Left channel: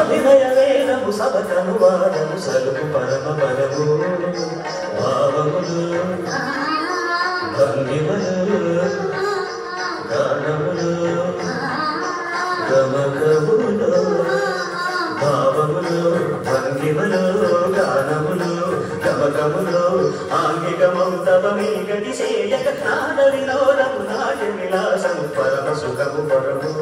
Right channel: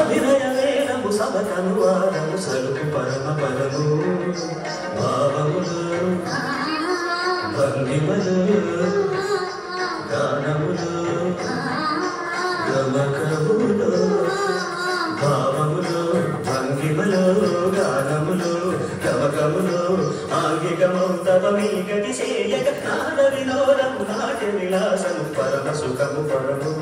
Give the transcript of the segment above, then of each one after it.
అభినయవేదము సబకము వాదము సలుపు పరమ పరము భావములు భంగిమలు గానములు గమకములు భావములు భంగిమలు గానములు గమకములు ఆంగికమౌతమీగతి సేయక నాద వినోదము నాట్య విలాసము పరమ సుఖము పరము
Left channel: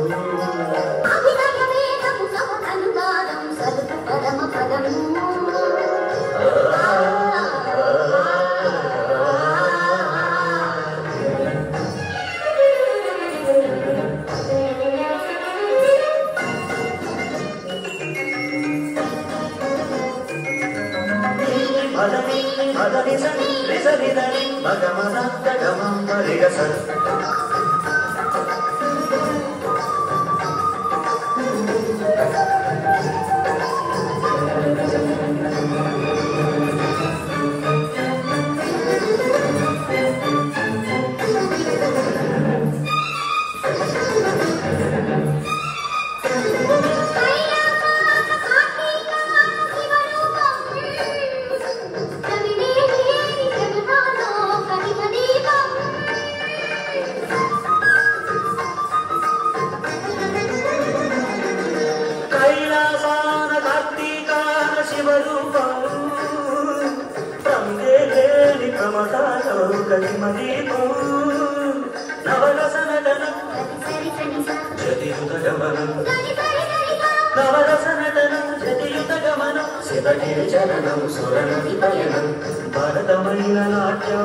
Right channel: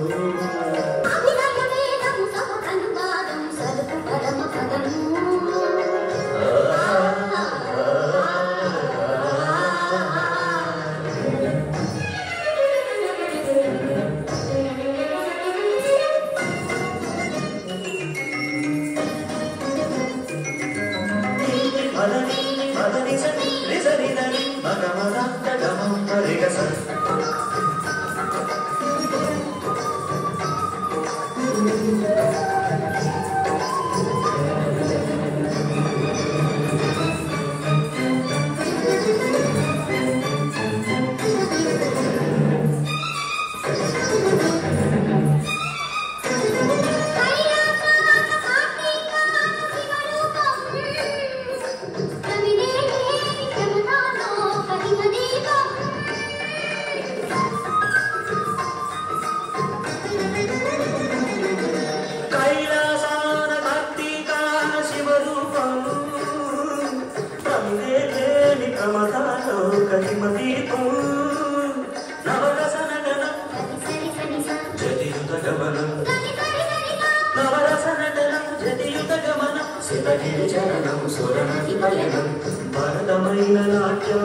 భరతమైన నాట్యం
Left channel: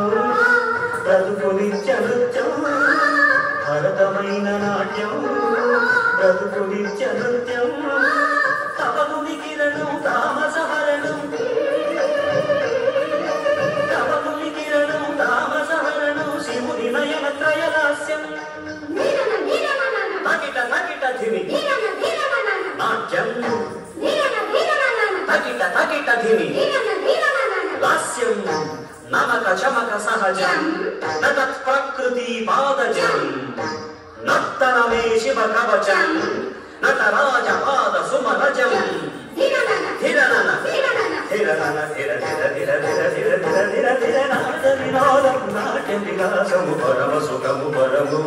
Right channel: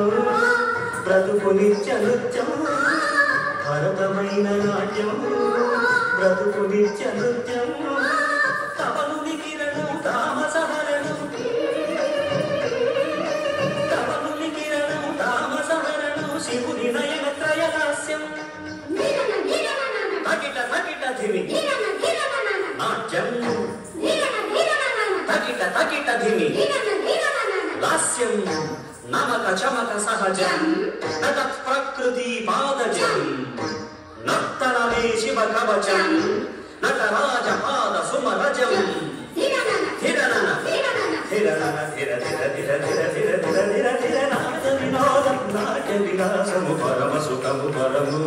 బ్రతుకు నిత్య నృత్యం భరతమైన నాట్యం బ్రతుకు నిత్య నృత్యం తపను నికిరణం తామసహరణం తపను నికిరణం తామసహరణం శివుని నయన త్రయలాస్యం తకిట తకిట ధిమి నాట్యం తకిట తకిట ధిమి లాస్యం నమక చమక సహజం నతత్ ప్రకృతి పాదజం నర్తనమే శివ కవచం నటరాజ పాద సుమరజం ధిరనన ధిరనన ధిర ధిర ధిర ధిర ధిర ధిర ధిర ధిర నాద వినోదం నాట్య విలాసము పరమ సుఖము పరము